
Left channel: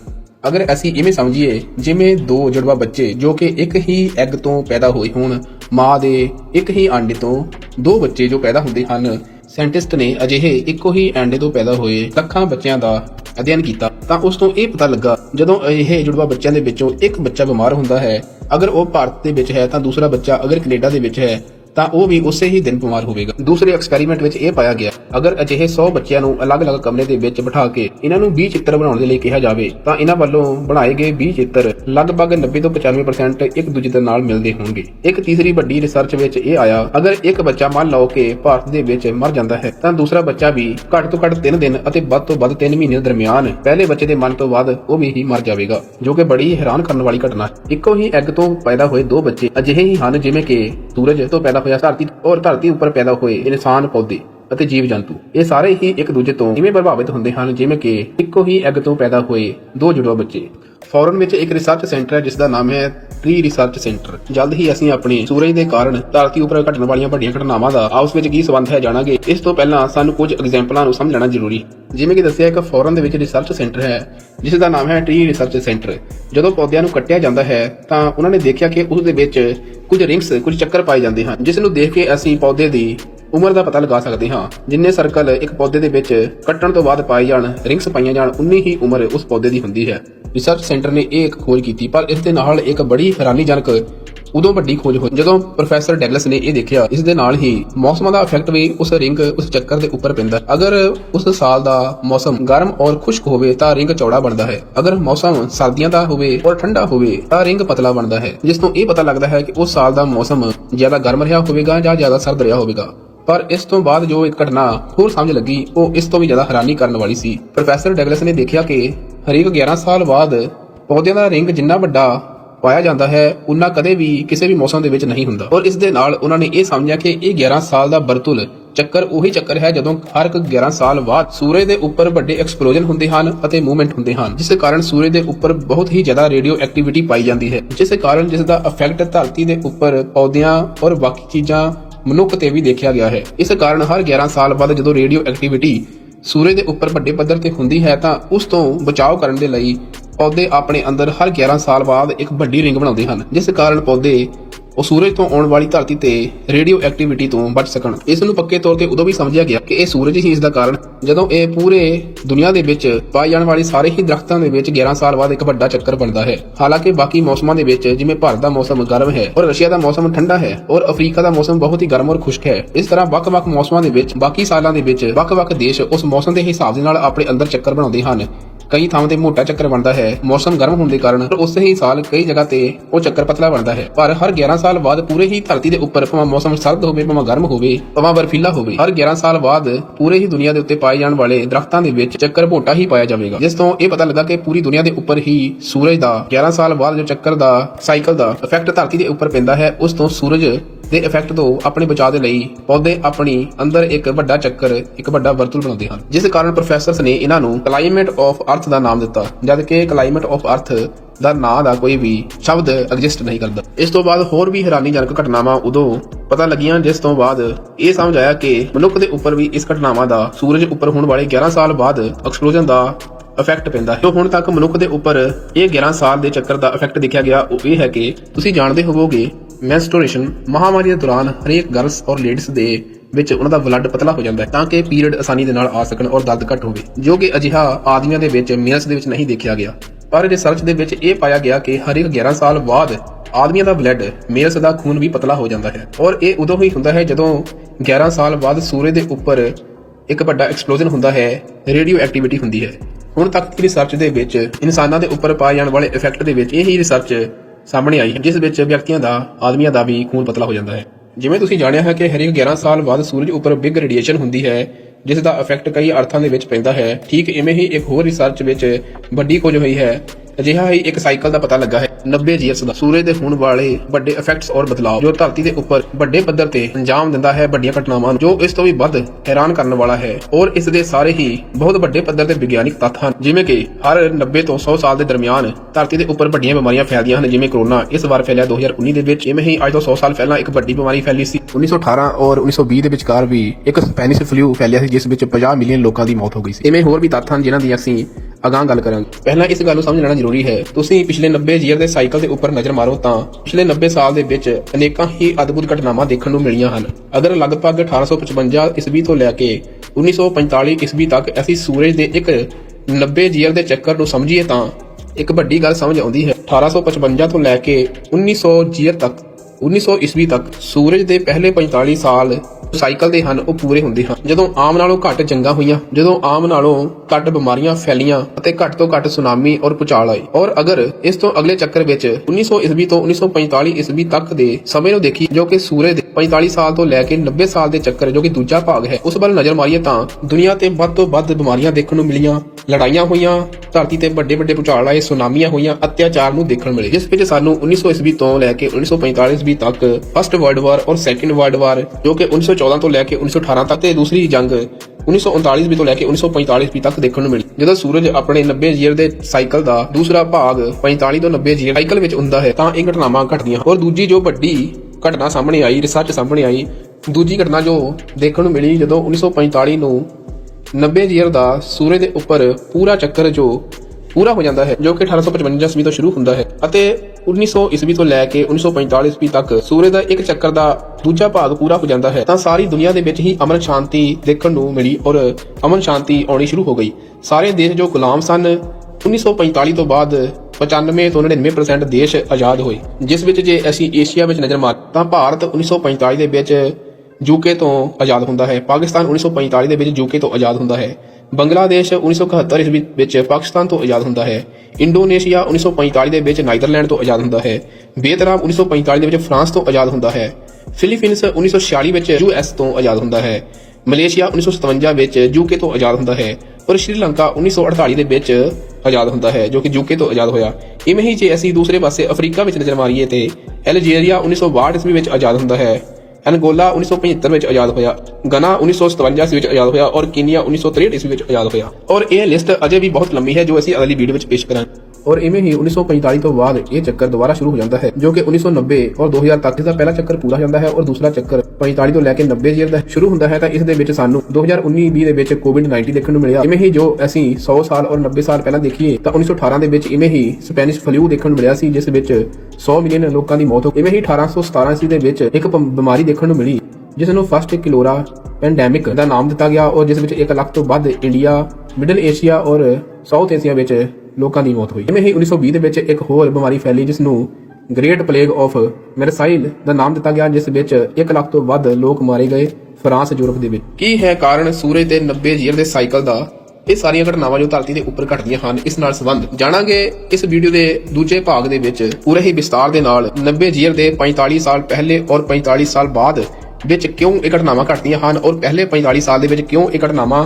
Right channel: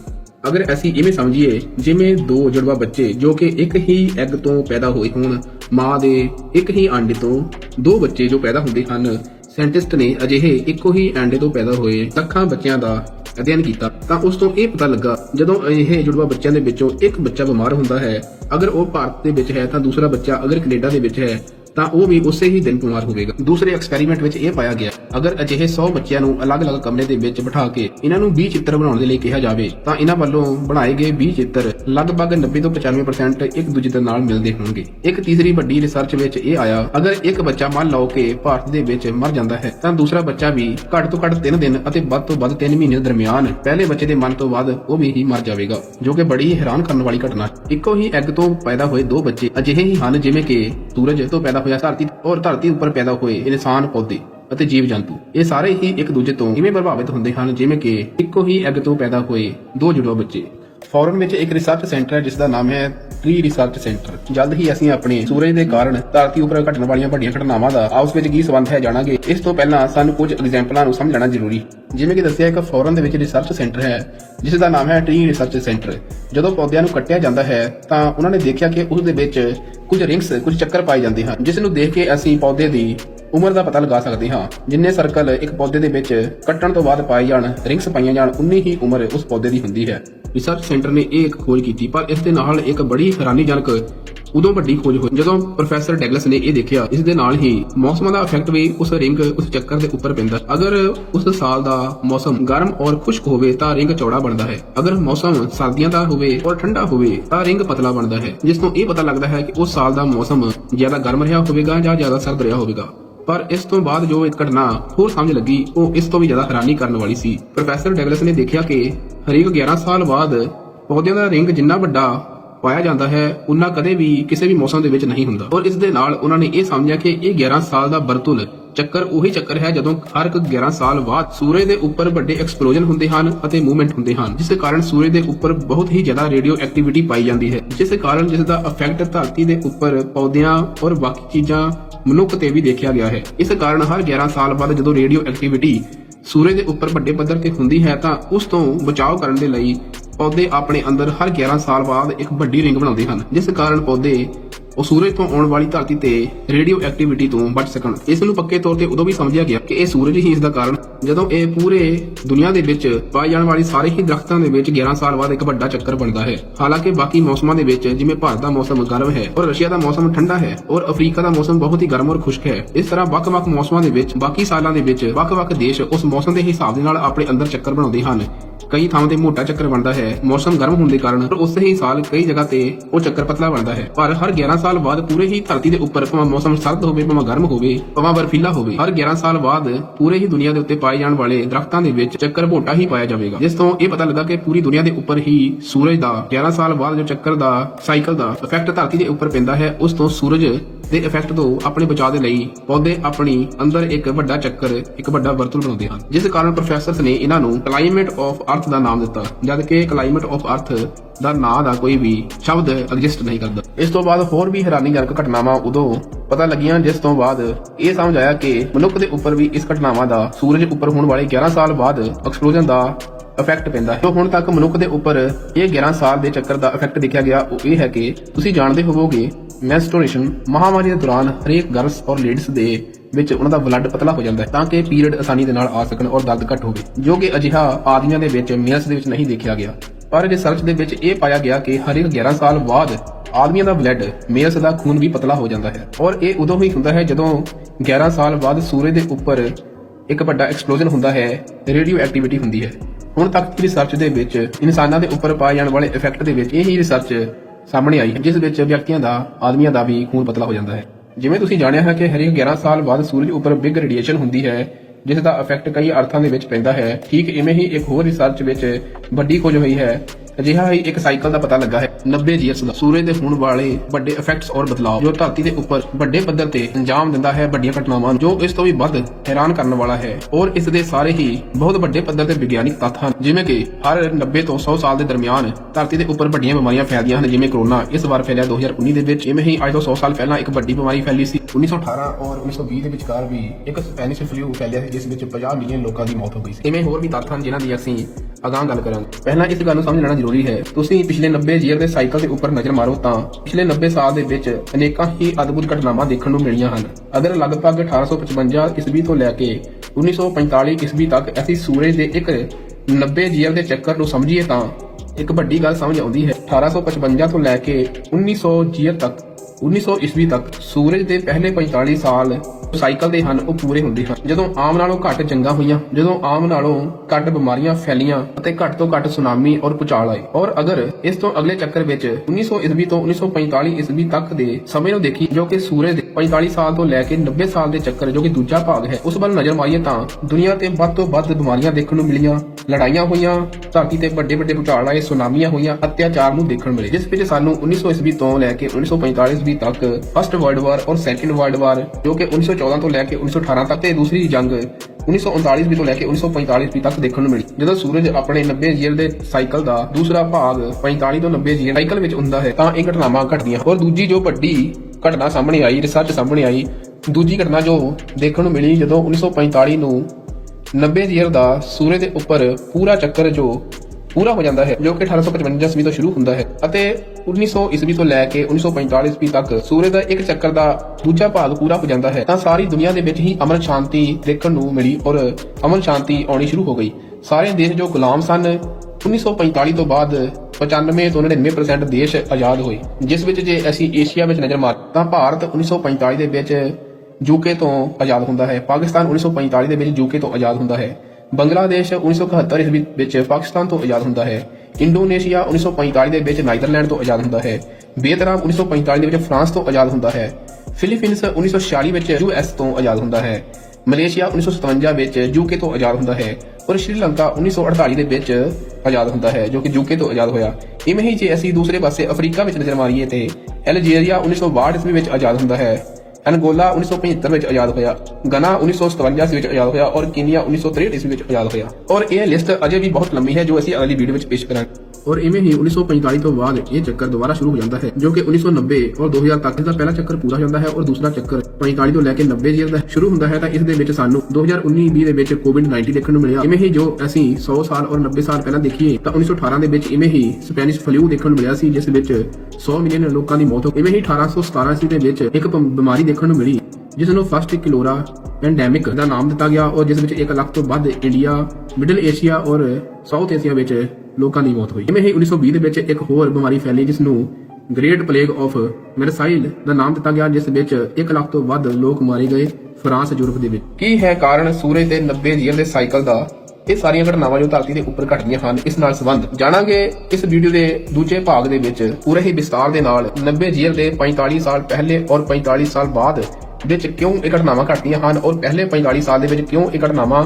ਅਗਰ ਅਸੀਂ ਇਵੇਂ ਸਮਝੀਏ, ਜਿਵੇਂ ਦੋ ਜੁੜਵਾ ਬੱਚੇ ਜੋ ਕਿ ਇੱਕ ਹੀ ਐਗ ਤੋਂ ਪੈਦਾ ਹੋਏ ਹੋਣ, ਮਾਂ ਦੇ ਇੱਕ ਹੀ ਆਂਡੇ ਤੋਂ ਦੋ ਬੱਚੇ ਜੋ ਪੈਦਾ ਹੁੰਦੇ ਹਨ ਸਾਇੰਟਿਸਟ ਨੇ ਅਜਿਹੇ ਇੱਕੋ ਹੀ ਆਂਡੇ ਤੋਂ ਪੈਦਾ ਹੋਏ ਲੱਖਾਂ ਬੱਚਿਆਂ ਦਾ ਅਧਿਐਨ ਕੀਤਾ। ਤਾਂ ਉਸ ਤੋਂ ਇਹ ਪਤਾ ਲੱਗਾ, ਜਦੋਂ ਇਹ ਜੁੜਵਾ ਬੱਚਿਆਂ ਦੇ ਵਿੱਚੋਂ ਇੱਕ ਬੱਚਾ ਬਿਮਾਰ ਹੁੰਦਾ ਹੈ, ਅਗਰ ਉਹ ਭਾਰਤ ਦੇ ਵਿੱਚ ਹੈ ਤਾਂ ਦੂਸਰਾ ਬੱਚਾ ਅਗਰ ਕੈਨੇਡਾ ਦੇ ਵਿੱਚ ਹੈ ਤਾਂ ਉਹ ਵੀ ਉਸੇ ਹੀ ਦਿਨ ਬਿਮਾਰ ਹੋਵੇਗਾ ਦੂਸਰੇ ਐਕਸਪੈਰੀਮੈਂਟ ਵਿੱਚ ਇਹ ਪਾਇਆ ਗਿਆ, ਅਗਰ ਅਜਿਹੇ 100 ਬੱਚਿਆਂ ਨੂੰ ਅਲੱਗ-ਅਲੱਗ ਕਮਰੇ ਦੇ ਵਿੱਚ ਬਿਠਾ ਕੇ ਇਹਨਾਂ ਨੂੰ 20 ਚਿੱਤਰ ਬਣਾਉਣ ਦੇ ਲਈ ਕਿਹਾ ਜਾਵੇ, ਤਾਂ ਇਹਨਾਂ ਵੱਲੋਂ ਬਣਾਏ ਗਏ 20 ਚਿੱਤਰ ਲਗਭਗ 90 ਤੋਂ 95% ਇੱਕ ਦੂਜੇ ਦੇ ਨਾਲ ਮਿਲਦੇ ਹੋਣਗੇ। ਇੱਕ ਤੀਸਰੀ ਵੱਡੀ ਰਿਸਰਚ ਵਿੱਚ ਇਹ ਆਇਆ, ਅਗਰ ਇੱਕ ਬੱਚਾ ਮੰਨ ਲਓ ਕਿ ਭਾਰਤ ਦੇ ਵਿੱਚ ਮਰ ਜਾਂਦਾ ਹੈ, ਤਾਂ ਦੂਸਰਾ ਬੱਚਾ ਵੀ ਘੱਟ ਤੋਂ ਘੱਟ 3 ਦਿਨ ਅਤੇ ਵੱਧ ਤੋਂ ਵੱਧ 3 ਮਹੀਨੇ ਦਰਮਿਆਨ ਪਹਿਲੇ ਬੱਚੇ ਦੇ ਮਨ ਤੋਂ ਬਾਅਦ ਉਹ ਵੀ ਹੀ ਮਰ ਜਾਵੇਗਾ, ਜੋ ਕਿ ਬੜੀ ਹੈਰਾਨ ਕਰਨ ਵਾਲੀ ਘਟਨਾ ਹੈ। ਇੱਕੋ ਹੀ ਐਗ ਤੋਂ ਪੈਦਾ ਹੋਏ ਦੋ ਬੱਚੇ ਅਜਿਹੇ ਹੀ ਹਨ ਜਿਵੇਂ ਕਿ ਸੂਰਜ ਤੋਂ ਪੈਦਾ ਹੋਇਆ ਧਰਤੀ ਔਰ ਧਰਤੀ ਉੱਪਰ ਪੈਦਾ ਹੋਏ ਇਨਸਾਨ, ਪੌਦੇ ਅਤੇ ਜੀਵ ਜੰਤੂ ਇਹ ਸਾਰੇ ਹੀ ਇੱਕ ਦੂਜੇ ਤੋਂ ਇਵੇਂ ਪ੍ਰਭਾਵਿਤ ਹੁੰਦੇ ਹਨ, ਜਿਵੇਂ ਕਿ ਇੱਕੋ ਹੀ ਐਗ ਤੋਂ ਪੈਦਾ ਹੋਏ ਦੋ ਜੁੜਵਾ ਬੱਚੇ। ਫੋਰਨ ਵਿੱਚ ਇੱਕ ਰਿਸਰਚ ਸੈਂਟਰ ਹੈ ਜਿਸ ਦਾ ਨਾਮ ਹੈ ਟਰੀ ਰਿਸਰਚ ਸੈਂਟਰ ਜਦ ਹੀ ਅਸੀਂ ਆਪਣੇ ਸੂਰਜ ਦੇ ਕਾਰਨ ਧਰਤੀ ਉੱਪਰ ਘਟਣ ਵਾਲੀਆਂ ਵੱਡੀਆਂ ਘਟਨਾਵਾਂ ਦਾ ਆਪਸ ਵਿੱਚ ਕੀ ਸੰਬੰਧ ਹੈ ਜਾਣਾਂਗੇ, ਇਸ ਤੋਂ ਪਹਿਲਾਂ ਸਾਨੂੰ ਕੁਝ ਐਗਜ਼ਾਮਪਲਾਂ ਨੂੰ ਸਮਝਣਾ ਜ਼ਰੂਰੀ। ਜਿਵੇਂ ਕਿ ਦੱਸਿਆ, ਇੱਕ ਫੋਰਨ ਦੇ ਵਿੱਚ ਰਿਸਰਚ ਸੈਂਟਰ ਹੈ ਜਿਸ ਦਾ ਨਾਮ ਹੈ ਟ੍ਰੀ ਰਿਸਰਚ ਸੈਂਟਰ ਜਦੋਂ ਪੌਦਿਆਂ ਨੂੰ ਕੱਟਿਆ ਜਾਂਦਾ ਹੈ, ਤਾਂ ਉਹਨਾਂ ਨੇ ਦੇਖਿਆ ਕਿ ਉਸ ਦੇ ਵਿੱਚ ਕੁਝ ਰਿੰਗਸ ਕੁਝ ਚੱਕਰ ਪਾਏ ਜਾਂਦੇ ਹਨ, ਜਿਸ ਨੂੰ ਦੇਖ ਕੇ ਅਸੀਂ ਪੌਦੇ ਦੀ ਉਮਰ ਦਾ ਪਤਾ ਲਗਾ ਸਕਦੇ ਹਾਂ। ਜਿੰਨੇ ਸਰਕਲ ਇੱਕ ਪੌਦੇ ਦੇ ਵਿੱਚ ਕੱਟਣ ਤੋਂ ਬਾਅਦ ਪਾਏ ਜਾਣ ਰਿੰਗਸ ਪਾਈਆਂ ਜਾਣ, ਉਨੀ ਹੀ ਉਮਰ ਉਸ ਪੌਦੇ ਦੀ ਹੁੰਦੀ ਹੈ। ਰਿਸਰਚ ਸੈਂਟਰ ਨੇ ਇਹ ਇੱਕ ਖੋਜ ਕੀਤੀ, ਪਰ ਇਸ ਦੇ ਨਾਲ ਇੱਕ ਬੜੀ ਹੈਰਾਨੀਜਨਕ ਉਦੋਂ ਵੱਡੀ ਖੋਜ ਹੋਈ। ਜਦੋਂ ਪ੍ਰੋਫੈਸਰ ਡੈਗਲਸ ਨੇ ਇਹ ਦੇਖਿਆ, ਇਸ ਦੇ ਨਾਲ ਹੀ ਮੌਸਮ ਦਾ ਇਫੈਕਟ ਵੀ ਉਸ ਰਿੰਗ ਉਸ ਚੱਕਰ ਦੇ ਉੱਪਰ ਪੈਂਦਾ। ਅਗਰ ਉਸ ਸਾਲ ਦਾ ਮੌਸਮ ਗਰਮ ਔਰ ਖੁਸ਼ਕ ਹੋਵੇ, ਤਾਂ ਰਿੰਗ ਚੌੜਾ ਬਣਦਾ ਹੈ। ਅਗਰ ਮੌਸਮ ਸਰਦੀਆਂ ਦਾ ਹੋਵੇ ਔਰ ਠੰਡਾ ਹੋਵੇ, ਤਾਂ ਰਿੰਗ ਪਤਲਾ ਬਣਦਾ ਹੈ। ਜਿਸ ਤੋਂ ਇਹ ਪਤਾ ਲੱਗਦਾ ਹੈ ਕਿ ਉਸ ਸਾਲ ਦਾ ਮੌਸਮ ਜ਼ਿਆਦਾ ਗਰਮ ਰਿਹਾ ਹੋਵੇਗਾ ਜਾਂ ਜ਼ਿਆਦਾ ਸਰਦ ਰਿਹਾ ਹੋਵੇਗਾ। ਪਰ ਇਸ ਤੋਂ ਬਾਅਦ ਜੋ ਇੱਕ ਘਟਨਾ ਹੋਰ ਸਮਝ ਲੱਗੀ, ਉਹ ਇਸ ਤੋਂ ਵੀ ਜ਼ਿਆਦਾ ਹੈਰਾਨੀ ਕਰਨ ਵਾਲੀ ਸੀ। ਪ੍ਰੋਫੈਸਰ ਡੈਗਲਸ ਨੇ ਦੇਖਿਆ ਕਿ ਹਰੇਕ 11 ਸਾਲ ਬਾਅਦ ਪੌਦਿਆਂ ਦਾ ਰਿੰਗ ਜਿੰਨਾ ਵੱਡਾ ਪਾਇਆ ਜਾਂਦਾ ਹੈ ਉਨਾ ਕਦੇ ਵੀ ਕਿਸੇ ਵੀ ਮੌਸਮ ਦੇ ਵਿੱਚ ਨਹੀਂ ਹੁੰਦਾ। ਔਰ ਇਸ ਦੇ ਨਾਲ ਉਹਨਾਂ ਨੇ ਇਹ ਸਮਝਿਆ ਕਿ ਇਹ 11 ਸਾਲ ਦਾ ਬਰਤੁਲ ਚੱਕਰ ਉਹੀ ਚੱਕਰ ਹੈ ਜਦੋਂ ਹਰ 11 ਸਾਲ ਬਾਅਦ ਸੂਰਜ ਦੇ ਉੱਪਰ ਵੱਡੇ ਐਕਸਪਲੋਜਨ ਹੁੰਦੇ ਹਨ ਅਤੇ ਮੂਵਮੈਂਟ ਹੁੰਦੇ ਹਨ, ਜਿਸ ਕਾਰਨ ਸੂਰਜ ਦੇ ਉੱਪਰ ਬਹੁਤ ਹੀ ਜ਼ਿਆਦਾ ਰੇਡੀਓ ਐਕਟੀਵਿਟੀ ਪਾਈ ਜਾਂਦੀ ਹੈ, ਜਿਸ ਕਾਰਨ ਜਿਸ ਦਾ ਇਫੈਕਟ ਧਰਤੀ ਦੇ ਉੱਪਰ ਪੌਦਿਆਂ ਔਰ ਬਾਕੀ ਚੀਜ਼ਾਂ ਮਨੁੱਖ ਤੇ ਵੀ ਦੇਖਿਆ ਗਿਆ ਹੈ। ਇਸ ਕਾਰਨ ਹਰ 11 ਸਾਲ ਬਾਅਦ ਜਦੋਂ ਰੇਡੀਓ ਐਕਟੀਵਿਟੀ ਸੂਰਜ ਦੇ ਉੱਪਰ ਵੱਡੇ ਪੱਧਰ ਤੇ ਹੁੰਦੀ ਹੈ ਤਾਂ ਉਸ ਤੋਂ ਬਚਾਅ ਕਰਨ ਦੇ ਲਈ ਪੌਦੇ ਆਪਣੇ ਅੰਦਰ ਹਰ 11 ਸਾਲ ਬਾਅਦ ਇੱਕ ਵੱਡੀ ਰਿੰਗ ਬਣਾਉਂਦੇ ਹਨ, ਜਿਸ ਕਾਰਨ ਪੌਦੇ ਉਹ ਸੂਰਜ ਤੋਂ ਆਉਣ ਵਾਲੀ ਧਰਤੀ ਤੇ ਰੇਡੀਓ ਐਕਟੀਵਿਟੀ ਤੋਂ ਬਚ ਸਕਣ। ਇਸ ਨੂੰ ਪੱਕੇ ਤੌਰ ਤੇ ਉਦੋਂ ਵੀ ਸਮਝਿਆ ਗਿਆ ਕਿ ਇਹ ਸੂਰਜ ਹੀ ਇਸ ਦਾ ਕਾਰਨ ਜਦੋਂ ਇਹ ਪੂਰੇ ਦੁਨੀਆ ਦੇ ਵਿੱਚ ਪਾਏ ਜਾਣ ਵਾਲੇ ਸਾਰੇ ਹੀ ਦਰਖਤਾਂ ਦੇ ਵਿੱਚ 11 ਸਾਲ ਬਾਅਦ ਇੱਕ ਵੱਡਾ ਚੱਕਰ ਬਣਦਾ ਹੈ। ਹਾਲਾਂਕਿ ਬਾਕੀ ਮੌਸਮਾਂ ਦੇ ਵਿੱਚ ਜਿਵੇਂ ਭਾਰਤ ਦਾ ਮੌਸਮ ਗਰਮ ਹੈ ਔਰ ਰਸ਼ੀਆ ਦਾ ਮੌਸਮ ਠੰਡਾ ਹੈ ਔਰ ਅਫਰੀਕਾ ਦਾ ਮੌਸਮ ਬਹੁਤ ਹੀ ਗਰਮ ਔਰ ਖੁਸ਼ਕ ਹੈ, ਇਸ ਤਰ੍ਹਾਂ ਵੱਖ-ਵੱਖ ਮੌਸਮਾਂ ਦੇ ਵਿੱਚ ਬਾਕੀ ਸਾਲਾਂ ਦੇ ਵਿੱਚ ਵੱਖ-ਵੱਖ ਦੇਸ਼ ਉਸ ਮੌਸਮ ਦੇ ਹਿਸਾਬ ਦੇ ਨਾਲ ਆਪਣੇ ਅੰਦਰ ਚੱਕਰ ਬਣਾਉਂਦੇ ਹਨ। ਕਈ ਥਾਵਾਂ ਤੇ ਮੋਟਾ ਚੱਕਰ ਬਣਦਾ ਹੈ। ਮੌਸਮ ਗਰਮ ਹੋਣ ਦੇ ਕਾਰਨ ਉਸੇ ਹੀ ਸਾਲ ਕਈ ਜਗ੍ਹਾ ਤੇ ਉਹ ਚੱਕਰ ਪਤਲਾ ਬਣਦਾ ਹੈ। ਪਰ ਹਰ 11 ਸਾਲ ਬਾਅਦ ਪੂਰੇ ਹੀ ਧਰਤੀ ਦੇ ਉੱਪਰ ਭਾਵੇਂ ਮੌਸਮ ਸਰਦ ਹੋਵੇ ਭਾਵੇਂ ਗਰਮ ਹੋਵੇ, ਭਾਵੇਂ ਬਰਫੀਲਾ ਹੋਵੇ, ਹਰ 11 ਸਾਲ ਬਾਅਦ ਪੂਰੇ ਹੀ ਦੁਨੀਆ ਦੇ ਉੱਤੇ ਪਾਏ ਜਾਣ ਵਾਲੇ ਦਰਖਤਾਂ ਦੇ ਵਿੱਚ ਚੱਕਰ ਮੋਟਾ ਹੀ ਪਾਇਆ ਜਾਵੇਗਾ। ਜਿਸ ਤੋਂ ਇਹ ਪਤਾ ਲੱਗਾ ਕਿ ਪੂਰੀ ਦੁਨੀਆ ਦੇ ਉੱਪਰ ਹੀ ਸੂਰਜ ਦਾ 11 ਸਾਲ ਬਾਅਦ ਜੋ ਚੱਕਰ ਦਾ ਸਾਈਕਲ ਦਾ ਇਫੈਕਟ ਧਰਤੀ ਦੇ ਉੱਪਰ ਪੈਂਦਾ ਹੈ, ਉਸ ਤੋਂ ਸੂਰਜ ਦੇ ਇਫੈਕਟ ਤੋਂ ਆਪਣੇ ਬਚਾਅ ਦੇ ਲਈ ਪੌਦੇ ਆਪਣੀ ਅੰਦਰ ਇੱਕ ਵੱਡਾ ਚੱਕਰ, ਇੱਕ ਵੱਡਾ ਵਰਤੁਲ ਬਣਾਉਂਦੇ ਹਨ। ਜਿਸ ਕਾਰਨ ਪ੍ਰੋਫੈਸਰਸ ਨੇ ਇਹਨਾਂ ਨੂੰ ਕਲਾਈਮੇਟ ਆਫ ਅਰਥ ਦਾ ਨਾਮ ਦਿੱਤਾ। ਜਦ ਕਿ ਕਲਾਈਮੇਟ ਆਫ ਅਰਥ ਦਾ ਨਾਂ ਦਾ ਕੋਈ ਵੀ ਸ਼ਬਦ ਐਗਜ਼ਿਸਟ ਨਹੀਂ ਕਰਦਾ। ਇਸ ਤੋਂ ਬਾਅਦ ਹੋਰ ਵੀ ਹੈਰਾਨੀਜਨਕ ਘਟਨਾਵਾਂ ਉਦੋਂ ਪਤਾ ਲੱਗੀਆਂ, ਜਿਸ ਤੋਂ ਬਾਅਦ ਇਹ ਸਮਝ ਆਇਆ ਕਿ ਮਨੁੱਖ ਦੇ ਉੱਪਰ ਵੀ ਇਸ ਘਟਨਾਵਾਂ ਦਾ ਸੂਰਜ ਉੱਪਰ ਹੋਣ ਵਾਲੇ 11 ਸਾਲ ਬਾਅਦ ਐਕਸਪਲੋਜਨ ਦਾ ਇਫੈਕਟ ਪੈਂਦਾ ਹੈ। ਹੁਣ ਤੱਕ ਮਨੁੱਖ ਦੇ ਉੱਪਰ ਇਹ 11 ਸਾਲ ਦੇ ਚੱਕਰ ਦਾ ਇਫੈਕਟ ਦੇਖਿਆ ਗਿਆ ਉਹ ਇਹ ਹੈ ਕਿ ਤੁਸੀਂ ਜਾਣਦੇ ਹੋਵੋਗੇ ਮੈਸਟੋਰੇਸ਼ਨ ਮਹਾਮਾਰੀ ਦੇ ਦੌਰਾਨ ਹਰੇਕ ਗਰਲਸ ਔਰ ਲੇਡੀਜ਼ ਦੇ ਵਿੱਚ ਉਹਨਾਂ ਦਾ ਬਲੱਡ ਪਤਲਾ ਹੋ ਜਾਂਦਾ ਹੈ ਤਾਂ ਕਿ ਪੀਰੀਅਡ ਆਸਾਨੀ ਦੇ ਨਾਲ ਆ ਸਕਣ ਔਰ ਦਰਦ ਘੱਟ ਹੋਵੇ, ਜੋ ਕਿ ਅਜਿਹਾ ਆਦਮੀਆਂ ਦੇ ਵਿੱਚ ਮੇਲਸ ਦੇ ਵਿੱਚ ਨਹੀਂ ਦੇਖਿਆ ਗਿਆ। ਪਰ ਰਿਸਰਚ ਦੇ ਵਿੱਚ ਇਹ ਪਾਇਆ ਗਿਆ ਕਿ ਹਰੇਕ 11 ਸਾਲ ਬਾਅਦ ਆਦਮੀਆਂ ਦਾ ਬਲੱਡ ਮੇਲਸ ਦਾ ਖੂਨ ਵੀ ਪਤਲਾ ਹੋ ਜਾਂਦਾ ਹੈ ਔਰ ਇਹ ਉਦੋਂ ਹੀ ਹੁੰਦਾ ਹੈ ਜਦੋਂ 11 ਸਾਲ ਬਾਅਦ ਸੂਰਜ ਦੇ ਉੱਪਰ ਇੱਕ ਵੱਡਾ ਐਕਸਪਲੋਜਨ ਹੁੰਦਾ ਹੈ ਰੇਡੀਓ ਐਕਟੀਵਿਟੀ ਹੁੰਦੀ ਹੈ। ਹੁਣ ਤੱਕ ਦੀ ਰਿਸਰਚ ਦੇ ਵਿੱਚ ਇਨਸਾਨਾਂ ਦੇ ਉੱਪਰ ਪਾਏ ਜਾਣ ਵਾਲੇ ਇਫੈਕਟ ਦੇ ਵਿੱਚ ਇਹ ਹੀ ਰਿਸਰਚ ਸਾਹਮਣੇ ਆਈ, ਜਿਸ ਵਿੱਚ ਵਿਅਕਤੀਆਂ ਦਾ, ਆਦਮੀਆਂ ਦਾ ਵੀ ਖੂਨ ਪਤਲਾ ਹੋ ਜਾਂਦਾ ਹੈ। ਜਿਵੇਂ ਤੁਸੀਂ ਜਾਣਿਆ ਹੈ ਕਿ ਹਰੇਕ 11 ਸਾਲ ਬਾਅਦ ਸੂਰਜ ਉੱਪਰ ਬਿਗ ਰੇਡੀਏਸ਼ਨ ਹੁੰਦੀ ਹੈ, ਜਿਸ ਦਾ ਇਫੈਕਟ ਕਈ ਅਰਥਾਂ ਦੇ ਵਿੱਚ ਪੈਂਦਾ ਹੈ। ਠੀਕ ਇਵੇਂ ਹੀ ਇੱਕ ਹੋਰ ਰਿਸਰਚ ਵਿੱਚ ਵੱਡੀ ਖੋਜ ਹੋਈ ਹੈ। ਅਜਿਹਾ ਹੀ ਇੱਕ ਸਾਈਕਲ ਦਾ ਪਤਾ ਲੱਗਾ ਹੈ। 90 ਜੀਐਸ ਦਾ ਸੂਰਜ ਦੇ ਹੋਣ ਵਾਲੇ ਵੱਡੇ ਇਫੈਕਟਸ ਔਰ ਬਦਲਾਅ। ਜੋ ਧਰਤੀ ਦੇ ਉੱਪਰ ਵੱਡੇ ਪੱਧਰ ਤੇ ਅੰਜਾਮ ਦਿੰਦਾ ਹੈ ਵੱਡੀਆਂ ਘਟਨਾਵਾਂ ਜੋ ਇਸ ਤੋਂ ਵੀ ਵੱਧ ਹੈਰਾਨ ਕਰਨ ਵਾਲਾ ਹੈ। ਔਰ ਇਸ ਦੇ ਸਾਰੇ ਹੀ ਬਹੁਤ ਵੱਡੇ ਪੱਧਰ ਤੇ ਵਿਗਿਆਨਿਕ ਤੱਥ ਹਨ। ਜਿਵੇਂ ਕਿ ਹਰ 90 ਤੋਂ 100 ਸਾਲ ਦੇ ਦਰਮਿਆਨ ਧਰਤੀ ਦੇ ਉੱਪਰ ਵੱਡੀਆਂ ਬਿਮਾਰੀਆਂ ਫੈਲਦੀਆਂ ਹਨ, ਜਿਵੇਂ ਕਰੋਨਾ ਇਸ ਵਾਰ ਫੈਲਿਆ 2019 ਦੇ ਵਿੱਚ ਜਿਵੇਂ ਹੀ ਅੱਜ ਤੋਂ 100 ਸਾਲ ਪਹਿਲਾਂ ਇੱਕ ਵੱਡੀ ਬਿਮਾਰੀ ਫੈਲੀ ਸੀ। 1918 ਔਰ 1920 ਦੇ ਵਿਚਕਾਰ ਵੀ ਇੱਕ ਸਪੈਨਿਸ਼ ਫਲੂ ਫੈਲਿਆ ਸੀ, ਜਿਸ ਵਿੱਚ 50 ਮਿਲੀਅਨ ਲੋਕਾਂ ਦੀ ਮੌਤ ਹੋ ਗਈ ਸੀ। ਇਵੇਂ ਹੋਰ ਵੀ ਤੱਥ ਹਨ, ਜਿਨ੍ਹਾਂ ਦੀ ਅਸੀਂ ਅਗਾਂਹ ਗੱਲ ਕਰਾਂਗੇ। ਪਹਿਲਾਂ ਇਸ ਗੱਲ ਨੂੰ ਸਮਝ ਲੈਣਾ ਜ਼ਰੂਰੀ ਹੈ। ਤੁਸੀਂ ਪਿਛਲੇ 90 ਜੀਅਰ ਦੇ ਸਾਈਕਲ ਦੇ ਉੱਪਰ ਨਜ਼ਰ ਮਾਰੋ ਤਾਂ ਪਿਛਲੇ 90 ਸਾਲ ਦੇ ਵਿੱਚ ਅਨੇਕਾਂ ਹੀ ਅਦਭੁਤ ਘਟਨਾਵਾਂ ਦੇਖਣ ਨੂੰ ਮਿਲੀਆਂ ਹਨ। ਅਗਰ ਲਗਭਗ 1855 ਈਸਵੀ ਤੋਂ ਲੈ ਕੇ 1945 ਈਸਵੀ ਤੱਕ ਅਸੀਂ ਸੂਰਜ ਦੇ ਇੱਕ 90 ਜੀਅਰ ਦੇ ਚੱਕਰ ਨੂੰ ਸਮਝੀਏ ਤਾਂ ਇੱਕ ਵੱਡੀ ਗੱਲ ਸਮਝ ਆਉਂਦੀ ਹੈ। 1855 ਤੋਂ ਲੈ ਕੇ 1900 ਜੀਅਰ ਤੱਕ 1900 ਈਸਵੀ ਤੱਕ ਸੂਰਜ ਦੇ ਪਹਿਲੇ 45 ਸਾਲ ਸਾਈਕਲ ਦੇ ਹਨ, ਉਹ ਪੂਰੇ ਹੁੰਦੇ ਹਨ। ਜਦੋਂ ਆਮ ਨਾਲੋਂ ਘੱਟ ਜੰਗਾਂ ਹੋਈਆਂ, ਜਦੋਂ ਆਮ ਨਾਲੋਂ ਘੱਟ ਬਿਮਾਰੀਆਂ ਫੈਲੀਆਂ ਅਤੇ ਘੱਟ ਤੋਂ ਘੱਟ ਸੁਨਾਮੀ ਔਰ ਭੂਚਾਲ ਆਈ ਔਰ ਅਗਰ ਇਸ ਤੋਂ ਅਗਲੇ ਚੱਕਰ ਵਿੱਚ 1900 ਈਸਵੀ ਤੋਂ 1945 ਈਸਵੀ ਤੱਕ ਦੇ ਸਮੇਂ ਨੂੰ ਦੇਖੀ, ਜੋ ਕਿ ਸੂਰਜ ਦੇ 45 ਸਾਲ ਤੋਂ ਲੈ ਕੇ 90 ਸਾਲ ਦੇ ਚੱਕਰ, ਜੋ ਕਿ ਦੂਜਾ ਭਾਗ ਹੈ, ਉਸ ਵੱਲ ਨਜ਼ਰ ਮਾਰੀਏ ਤਾਂ ਦੁਨੀਆ ਤੇ ਵੱਧ ਤੋਂ ਵੱਧ ਬਿਮਾਰੀਆਂ ਦੇਖਣ ਨੂੰ ਮਿਲੀਆਂ। ਲੜਾਈਆਂ ਹੋਈਆਂ, ਧਰਤੀ ਤੇ ਵੱਡੇ ਵੱਡੇ ਭੂਚਾਲ ਆਏ, ਸੁਨਾਮੀਆਂ ਹੋਈਆਂ, ਅਤਿਆਚਾਰ ਨੂੰ ਦੇਖਣ ਮਿਲੇ, ਜਿਸ ਵਿੱਚ ਸਾਨੂੰ 1900 ਈਸਵੀ ਤੋਂ ਲੈ ਕੇ 1945 ਈਸਵੀ ਤੱਕ ਫਸਟ ਵਰਲਡ ਵਾਰ ਔਰ ਸੈਕੰਡ ਵਰਲਡ ਵਾਰ ਜੋ ਕਿ 1914 ਤੋਂ ਲੈ ਕੇ 1918 ਤੱਕ ਤੇ ਦੂਸਰੀ ਜੰਗ 1939 ਈਸਵੀ ਤੋਂ ਲੈ ਕੇ 1945 ਈਸਵੀ ਤੱਕ ਦੇਖਣ ਨੂੰ ਮਿਲੀ। ਜਦੋਂ ਸੂਰਜ ਆਪਣੇ 90 ਜੀਅਰ ਦੇ ਸਾਈਕਲ ਦਾ ਦੂਸਰਾ ਭਾਗ 45 ਤੋਂ 90 ਜੀਅਰ ਸਾਈਕਲ ਵਿੱਚ ਹੁੰਦਾ ਹੈ, ਤਾਂ ਇਹ ਘਟਨਾਵਾਂ ਘਟਦੀਆਂ ਔਰ ਦੂਜੀ ਜੋ ਵੱਡੀ ਘਟਨਾ ਸਾਹਮਣੇ ਆਈ ਰਿਸਰਚ ਸਾਹਮਣੇ ਆਈ, ਦੂਜੀ ਘਟਨਾ ਜੋ ਦੇਖਣ ਨੂੰ ਮਿਲੀ ਜਦੋਂ 1945 ਨੂੰ 90 ਜੀਰ ਦਾ ਸੂਰਜ ਦੇ ਉੱਪਰ ਪੂਰਾ ਚੱਕਰ ਜੋ ਪੂਰਾ ਹੋ ਜਾਂਦਾ ਹੈ, ਜੋ ਕਿ 1855 ਈਸਵੀ ਤੋਂ ਸ਼ੁਰੂ ਹੁੰਦਾ ਹੈ ਅਤੇ 1900 ਈਸਵੀ ਤੋਂ ਲੈ ਕੇ 1945 ਈਸਵੀ ਤੱਕ ਸੂਰਜ ਦਾ ਇੱਕ ਚੱਕਰ ਦਾ ਦੂਜਾ ਭਾਗ ਪੂਰਾ ਹੋ ਜਾਂਦਾ ਹੈ, ਤਾਂ ਸਾਰੀ ਦੁਨੀਆ ਦੇ ਵਿੱਚ ਹੀ ਅਮਨ ਸ਼ਾਂਤੀ ਦੇਖਣ ਨੂੰ ਮਿਲੀ ਔਰ ਅਮਨ ਸ਼ਾਂਤੀ ਆਉਣੀ ਸ਼ੁਰੂ ਹੋ ਗਈ। ਸਾਰੇ ਦੇਸ਼ ਜੋ ਗੁਲਾਮ ਸਨ 1945 ਤੋਂ ਬਾਅਦ 95 ਤੋਂ 99% ਦੇਸ਼ ਆਜ਼ਾਦ ਹੋਏ, ਜਿਸ ਵਿੱਚ ਜੇ ਅਸੀਂ ਏਸ਼ੀਆ ਵਿੱਚ ਨਜ਼ਰ ਮਾਰ ਤਾਂ ਭਾਰਤ 1945 ਦੇ ਵਿੱਚ ਯੂਕੇ ਤੋਂ ਆਜ਼ਾਦ ਹੁੰਦਾ ਹੈ। ਪਾਕਿਸਤਾਨ 1945 ਦੇ ਵਿੱਚ ਯੂਕੇ ਤੋਂ ਆਜ਼ਾਦ ਹੁੰਦਾ ਹੈ। ਬੰਗਲਾਦੇਸ਼ 1971 ਈਸਵੀ ਵਿੱਚ ਪਾਕਿਸਤਾਨ ਤੋਂ ਆਜ਼ਾਦ ਹੁੰਦਾ ਹੈ। ਇੰਡੋਨੇਸ਼ੀਆ 1945 ਦੇ ਵਿੱਚ ਨਾਈਦਰਲੈਂਡ ਤੋਂ ਆਜ਼ਾਦ ਹੁੰਦਾ ਹੈ। ਵੀਅਤਨਾਮ 1945 ਦੇ ਵਿੱਚ ਫਰਾਂਸ ਤੋਂ ਆਜ਼ਾਦ ਹੁੰਦਾ ਹੈ। ਫਿਲੀਪੀਨਸ 1946 ਵਿੱਚ ਯੂਐਸ ਤੋਂ ਆਜ਼ਾਦ ਹੁੰਦਾ ਹੈ। ਮਲੇਸ਼ੀਆ 1957 ਵਿੱਚ ਯੂਕੇ ਤੋਂ ਆਜ਼ਾਦ ਹੁੰਦਾ ਹੈ। ਔਰ ਸ਼੍ਰੀਲੰਕਾ 1948 ਦੇ ਵਿੱਚ ਆਜ਼ਾਦ ਹੁੰਦਾ ਹੈ, ਜੋ ਕਿ ਯੂਕੇ ਤੋਂ ਆਜ਼ਾਦ ਹੋਇਆ। ਇਵੇਂ ਹੀ ਜੇ ਅਸੀਂ ਦੂਸਰੇ ਪਾਸੇ ਅਫਰੀਕਾ ਵਿੱਚ ਨਜ਼ਰ ਮਾਰੀਏ ਤੇ ਅਲਜੀਰੀਆ 1962 ਈਸਵੀ ਵਿੱਚ ਆਜ਼ਾਦ ਹੁੰਦਾ ਹੈ। ਐਨਗੋਲਾ 1975 ਵਿੱਚ ਆਜ਼ਾਦ ਹੋਇਆ, ਗਨਾ 1957 ਈਸਵੀ ਵਿੱਚ ਆਜ਼ਾਦ ਹੋਇਆ ਔਰ ਕੀਨੀਆ 1963 ਈਸਵੀ ਵਿੱਚ ਆਜ਼ਾਦ ਹੋਇਆ। ਔਰ ਇਹ ਲਿਸਟ ਅਜੇ ਵੀ ਬਹੁਤ ਲੰਬੀ ਹੈ ਜੋ ਅਸੀਂ ਅਗਲੀ ਵੀਡੀਓ ਵਿੱਚ ਪੇਸ਼ ਕਰਾਂਗੇ। ਔਰ ਇਵੇਂ ਹੀ 1945 ਤੋਂ ਬਾਅਦ ਇਹ ਚੱਕਰ ਦੁਬਾਰਾ ਸ਼ੁਰੂ ਹੋ ਜਾਂਦਾ ਹੈ, ਜੋ ਕਿ 1990 ਔਰ 2000 ਤੱਕ ਦਾ ਪਹਿਲਾ ਚੱਕਰ ਪੂਰਾ ਹੋ ਜਾਂਦਾ ਹੈ ਔਰ ਦੂਸਰਾ ਚੱਕਰ 45 ਤੋਂ ਲੈ ਕੇ 90 ਜੀਰ ਦਾ ਸ਼ੁਰੂ ਹੁੰਦਾ ਹੈ, ਤਾਂ ਇਸ ਦੇ ਵਿੱਚ ਸਾਨੂੰ 2019-20 ਦੇ ਵਿੱਚ ਕੋਵਿਡ-19 ਦੇਖਣ ਨੂੰ ਮਿਲਿਆ। ਇਵੇਂ ਹੀ ਜੋ ਅਸੀਂ 100 ਸਾਲ ਔਰ 90 ਸਾਲ ਪਹਿਲਾਂ ਦੇਖੀਏ, ਤਾਂ 1918 ਦੇ ਵਿੱਚ ਇਵੇਂ ਹੀ ਸਪੈਨਿਸ਼ ਫਲੂ ਦੇਖਣ ਨੂੰ ਮਿਲਿਆ ਸੀ, ਜਿਸ ਵਿੱਚ 100 ਮਿਲੀਅਨ ਲੋਕਾਂ ਦੀ ਮੌਤ ਹੋ ਇਵੇਂ ਹੀ 1817 ਸੀ ਦੇ ਵਿੱਚ ਇੱਕ ਬਿਮਾਰੀ ਦੇਖਣ ਨੂੰ ਮਿਲੀ, ਜਿਸ ਨੂੰ ਫਸਟ ਕਿਲੋਰਾ ਪੈਂਡੈਮਿਕ ਦਾ ਨਾਮ ਦਿੱਤਾ ਗਿਆ ਔਰ ਜਿਸ ਵਿੱਚ 1 ਲੱਖ ਤੋਂ ਵੱਧ ਇੰਡੀਆ, ਮਿਡਲ ਏਸ਼ੀਆ ਔਰ ਸਾਊਥ ਏਸ਼ੀਆ ਵਿੱਚ ਲੋਕਾਂ ਦੀ ਮੌਤ ਹੋਈ। ਇਵੇਂ ਹੀ 1920 ਦੇ ਵਿੱਚ ਇੱਕ ਹੋਰ ਬਿਮਾਰੀ ਫੈਲੀ, ਜਿਸ ਨੂੰ ਗ੍ਰੇਟ ਪਲੇਗ ਆਫ ਮੈਰਸਾਈਲ ਦਾ ਨਾਮ ਦਿੱਤਾ ਗਿਆ, ਜਿਸ ਵਿੱਚ 1 ਲੱਖ ਤੋਂ ਵੱਧ ਲੋਕ ਮਾਰੇ ਗਏ ਫਰਾਂਸ, ਯੂਰਪ ਦੇ ਵਿੱਚ। ਕੀ ਹੈ ਕਾਰਨ ਸੂਰਜ ਦੇ 90 ਜੀਅਰ ਦੇ ਸਾਈਕਲ ਦਾ ਇਹ ਸਾਰੀਆਂ ਘਟਨਾਵਾਂ ਜੋ ਧਰਤੀ ਦੇ ਉੱਪਰ ਘਟਦੀਆਂ ਹਨ, ਇਸ ਨਾਲ ਸੰਬੰਧ ਜਾਣਾਂਗੇ। ਇਸ ਵੀਡੀਓ ਦੇ ਦੂਜੇ ਭਾਗ ਦੇ ਵਿੱਚ ਪੂਰੇ ਹੀ ਵਿਸਤਾਰ ਦੇ ਨਾਲ 90 ਜੀਰ ਦੇ 45 ਸਾਲ ਪਹਿਲੇ ਔਰ 45 ਸਾਲ ਬਾਅਦ ਵਿੱਚ ਕਿਉਂ ਇਹ ਘਟਨਾਵਾਂ ਘਟਦੀਆਂ ਹਨ ਔਰ ਪਹਿਲੇ 45 ਸਾਲ ਦੇ ਵਿੱਚ ਕਿਉਂ ਇਹ ਘਟਨਾਵਾਂ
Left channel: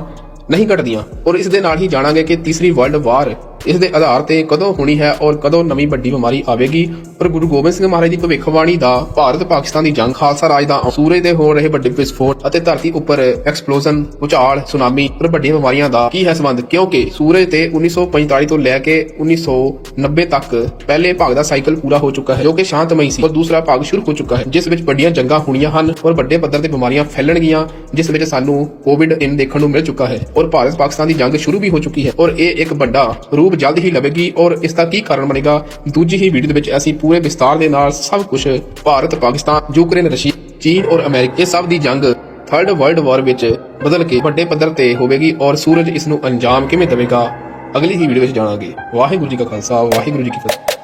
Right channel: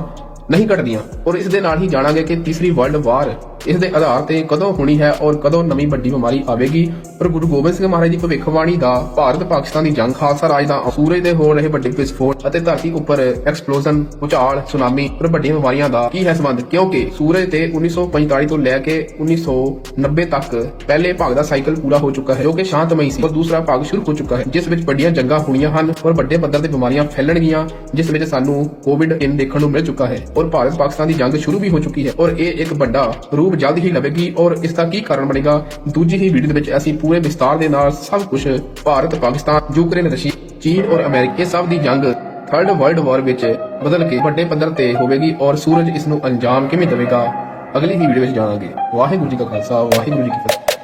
ਨਹੀਂ ਘਟਦੀਆਂ। ਔਰ ਇਸ ਦੇ ਨਾਲ ਹੀ ਜਾਣਾਂਗੇ ਕਿ ਤੀਸਰੀ ਵਰਲਡ ਵਾਰ ਇਸ ਦੇ ਆਧਾਰ ਤੇ ਕਦੋਂ ਹੋਣੀ ਹੈ ਔਰ ਕਦੋਂ ਨਵੀਂ ਵੱਡੀ ਬਿਮਾਰੀ ਆਵੇਗੀ। ਪਰ ਗੁਰੂ ਗੋਬਿੰਦ ਸਿੰਘ ਮਹਾਰਾਜ ਦੀ ਭਵਿੱਖਬਾਣੀ ਦਾ ਭਾਰਤ ਪਾਕਿਸਤਾਨ ਦੀ ਜੰਗ ਖਾਲਸਾ ਰਾਜ ਦਾ ਸੂਰਜ ਦੇ ਹੋ ਰਹੇ ਵੱਡੇ ਵਿਸਫੋਟ ਅਤੇ ਧਰਤੀ ਉੱਪਰ ਐਕਸਪਲੋਜ਼ਨ ਭੂਚਾਲ ਸੁਨਾਮੀ ਪਰ ਵੱਡੀਆਂ ਬਿਮਾਰੀਆਂ ਦਾ ਕੀ ਹੈ ਸੰਬੰਧ? ਕਿਉਂਕਿ ਸੂਰਜ ਤੇ 1945 ਤੋਂ ਲੈ ਕੇ 1990 ਤੱਕ ਪਹਿਲੇ ਭਾਗ ਦਾ ਸਾਈਕਲ ਪੂਰਾ ਹੋ ਚੁੱਕਾ ਹੈ, ਜੋ ਕਿ ਸ਼ਾਂਤਮਈ ਸੀ। ਔਰ ਦੂਸਰਾ ਭਾਗ ਸ਼ੁਰੂ ਹੋ ਚੁੱਕਾ ਹੈ, ਜਿਸ ਵਿੱਚ ਵੱਡੀਆਂ ਜੰਗਾਂ ਹੋਣੀਆਂ ਹਨ ਔਰ ਵੱਡੇ ਪੱਧਰ ਤੇ ਬਿਮਾਰੀਆਂ ਫੈਲਣਗੀਆਂ, ਜਿਸ ਵਿੱਚ ਸਾਨੂੰ ਕੋਵਿਡ-19 ਦੇਖਣ ਨੂੰ ਮਿਲ ਚੁੱਕਾ ਹੈ। ਔਰ ਭਾਰਤ ਪਾਕਿਸਤਾਨ ਦੀ ਜੰਗ ਸ਼ੁਰੂ ਵੀ ਹੋ ਚੁੱਕੀ ਹੈ ਔਰ ਇਹ ਇੱਕ ਵੱਡਾ ਰੂਪ ਜਲਦ ਹੀ ਲਵੇਗੀ ਔਰ ਇਸ ਦਾ ਕੀ ਕਾਰਨ ਬਣੇਗਾ? ਦੂਜੀ ਹੀ ਵੀਡੀਓ ਦੇ ਵਿੱਚ ਅਸੀਂ ਪੂਰੇ ਵਿਸਤਾਰ ਦੇ ਨਾਲ ਸਭ ਕੁਝ ਭਾਰਤ, ਪਾਕਿਸਤਾਨ, ਯੂਕਰੇਨ ਰਸ਼ੀਆ ਚੀਨ ਔਰ ਅਮਰੀਕਾ ਸਭ ਦੀ ਜੰਗ ਥਰਡ ਵਰਲਡ ਵਾਰ ਵਿੱਚ ਬਦਲ ਕੇ ਵੱਡੇ ਪੱਧਰ ਤੇ ਹੋਵੇਗੀ ਔਰ ਸੂਰਜ ਇਸ ਨੂੰ ਅੰਜਾਮ ਕਿਵੇਂ ਦੇਵੇਗਾ? ਅਗਲੀ ਹੀ ਵੀਡੀਓ ਵਿੱਚ ਜਾਣਾਂਗੇ। ਵਾਹਿਗੁਰੂ ਜੀ ਕਾ ਖਾਲਸਾ, ਵਾਹਿਗੁਰੂ ਜੀ ਕੀ ਫਤਿਹ।